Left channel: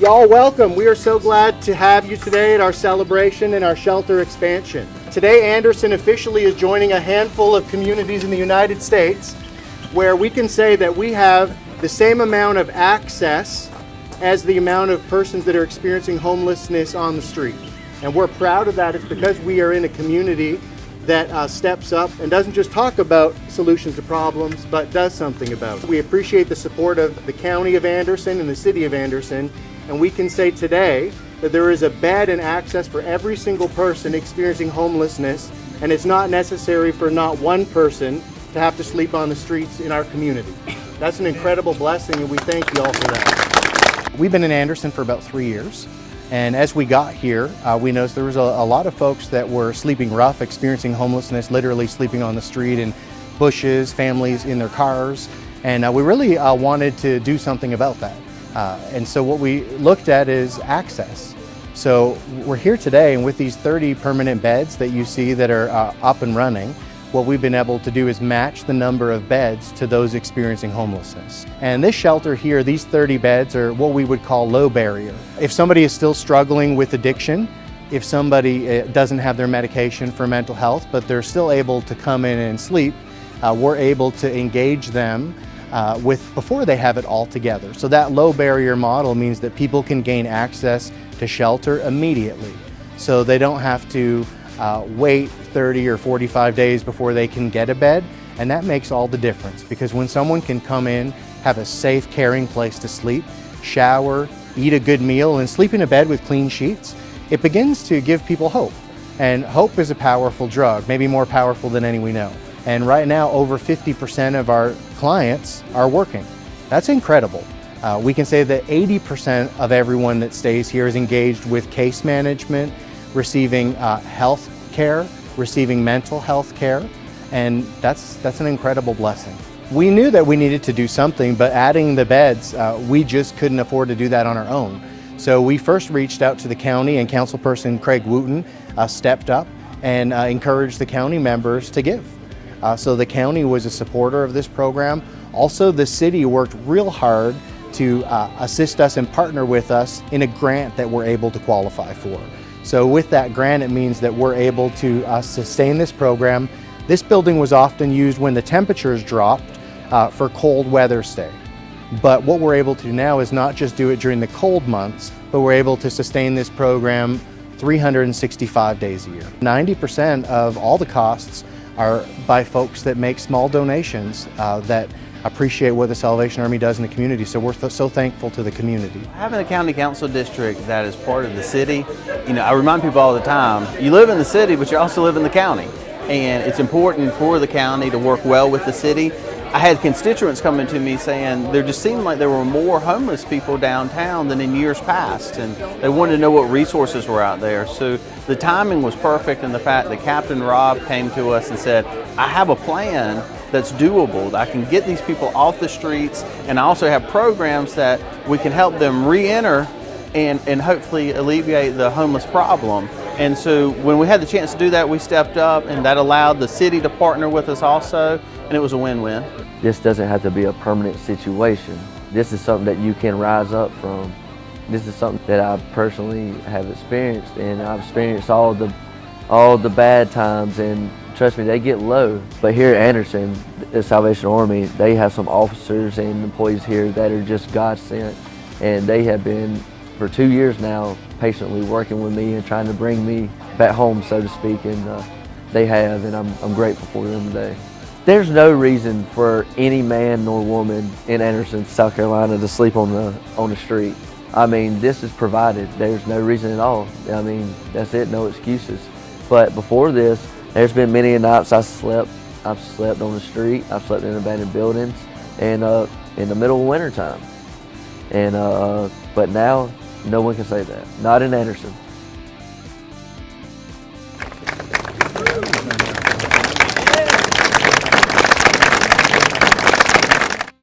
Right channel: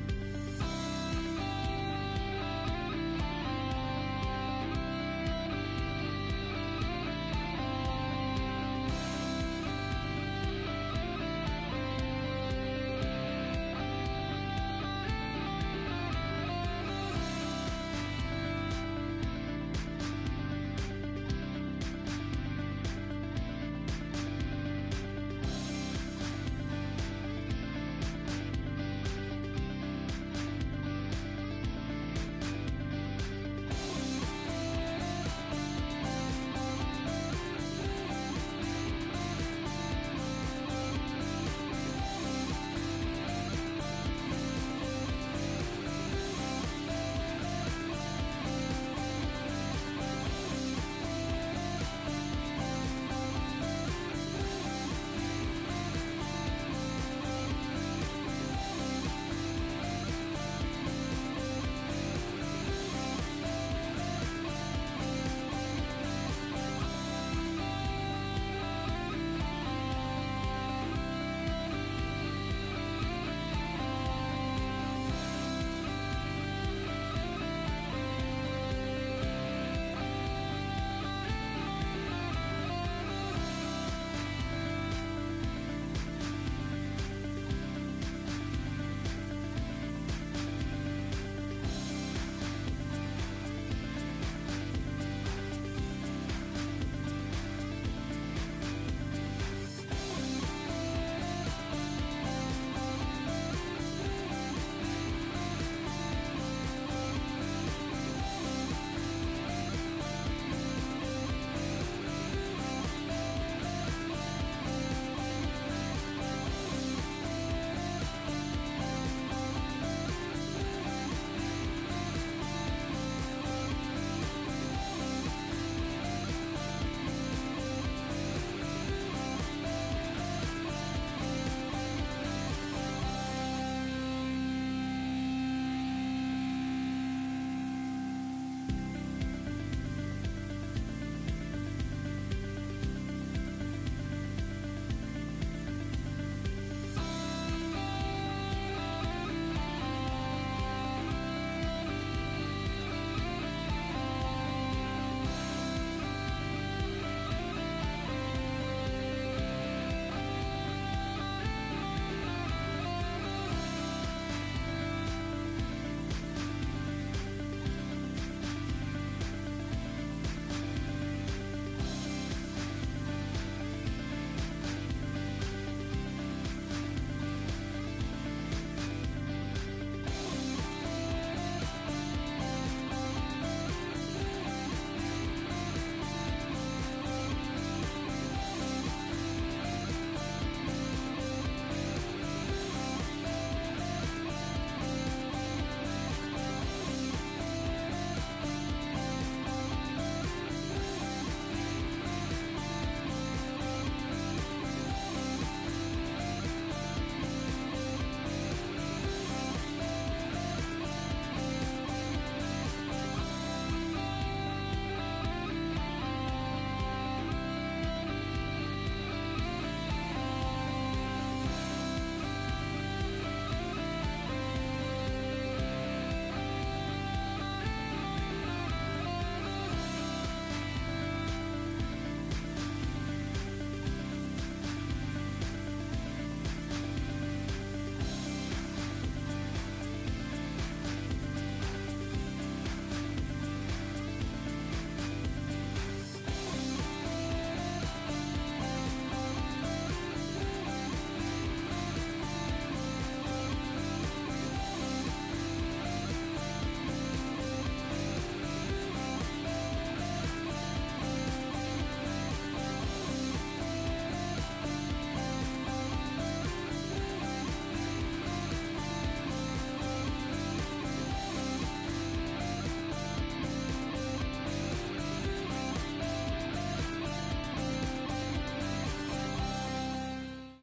Y'all welcome. We are so glad to have you today at our celebration and our shelter expansion. Today, Anderson officially is joining a handful of communities in the United States where we can say that we have the same amount of access as the amount of persons that are experiencing homelessness on the street. And we're proud of that. It's because we are in a community that steps up and doesn't just talk about solutions to problems, but does something about it. We appreciate the support of the County of Anderson and the City of Anderson, and we can say today that there is a bed and access for every single person experiencing homelessness, and it's not necessary for not one person to have to sleep on the streets in our community. That's an incredible blessing, and we thank you all for that. We've been in Anderson for about 3 years. And as we got here, we noticed there was a lot of folks that were sleeping rough, experiencing homelessness, literally sleeping on the street in bushes, families in their cars. And we really wanted to do something about that. And so what we looked at is access. So we're here today, and with these 30 permanent beds that you see that are up and running, what we've been able to do is match the number of beds to those experiencing homelessness. And this shelter here, these 30 beds are what we would call low barrier. If somebody is still struggling with addiction, if somebody doesn't have their medication for mental health, but they're still able to come in and sleep, we're able to engage them before they have it all together. So that low barrier model means that people can gain access to shelter immediately. So they don't have to wait 30 or 45 days before they can get a bed. And that makes all the difference, because when someone can come in, have a safe, caring place to sleep, shower, eat a good meal, and sleep in a bed with clean sheets, it begins to give people hope. And hope is a powerful drug, maybe more powerful than any we know. And right now, over 50% of our clients are working. That's incredible. We can say that 80% of everyone that stays here is engaged with case management, receiving health care, receiving mental health care, and that's an incredible blessing. We knew that we needed to do something, but adding the beds, we just couldn't afford to do that on our own. So we first reached out to the county, and Councilperson Craig Wooten stepped up and encouraged the county members to give. So the county was a supporter of this program. Also, the city worked real hard to assist us and partner with us in a grant that we're able to qualify for. So with that grant, it means that we're able to sustain this program. This building was often used when the temperatures dropped for cold weather stay. But what we're able to do now is not just do it during the cold months, but we're able to sustain this program 365 days a year. 90% of all the costs are by folks that make small donations that appreciate what the Salvation Army does in the community, so we're so thankful to the community. Having a county council district that is part of the city, I remind people all the time, you live in the city, but you also live in the county. And it's important for the county to work well with the city. I had constituents coming to me saying there just seemed like there were more homeless people downtown than in years past, and they wanted to know what resources were out there. So the timing was perfect, and the fact that Captain Rob came to us and said, I have a plan that's doable. I can get these people off the streets, and I also have programs that we can help them re-enter and hopefully alleviate the homeless problem. And so when we had the chance to do that, we stepped up, and that allowed the city to partner with us also, and it was a win-win. This doesn't have to be a permanent situation. This is something that you can rise up from. This is something that I personally have experienced, and I've experienced all the bad times, and trust me, they get low. But here at Anderson, the Salvation Army, they have some officers and employees here that are just God sent, and they have been for 2 years now patiently working with me and trying to bring me back home, so to speak, and they have, and I'm grateful for them today. There's no reason for any man nor woman in Anderson, South Carolina to sleep on the street. I mean, this is provided. There's no reason at all. I mean, that's it, no excuses. But before this, there's been many nights I've slept on the street, I've slept in abandoned buildings, and in the middle of winter time. And but now, no one can say that. Not in Anderson.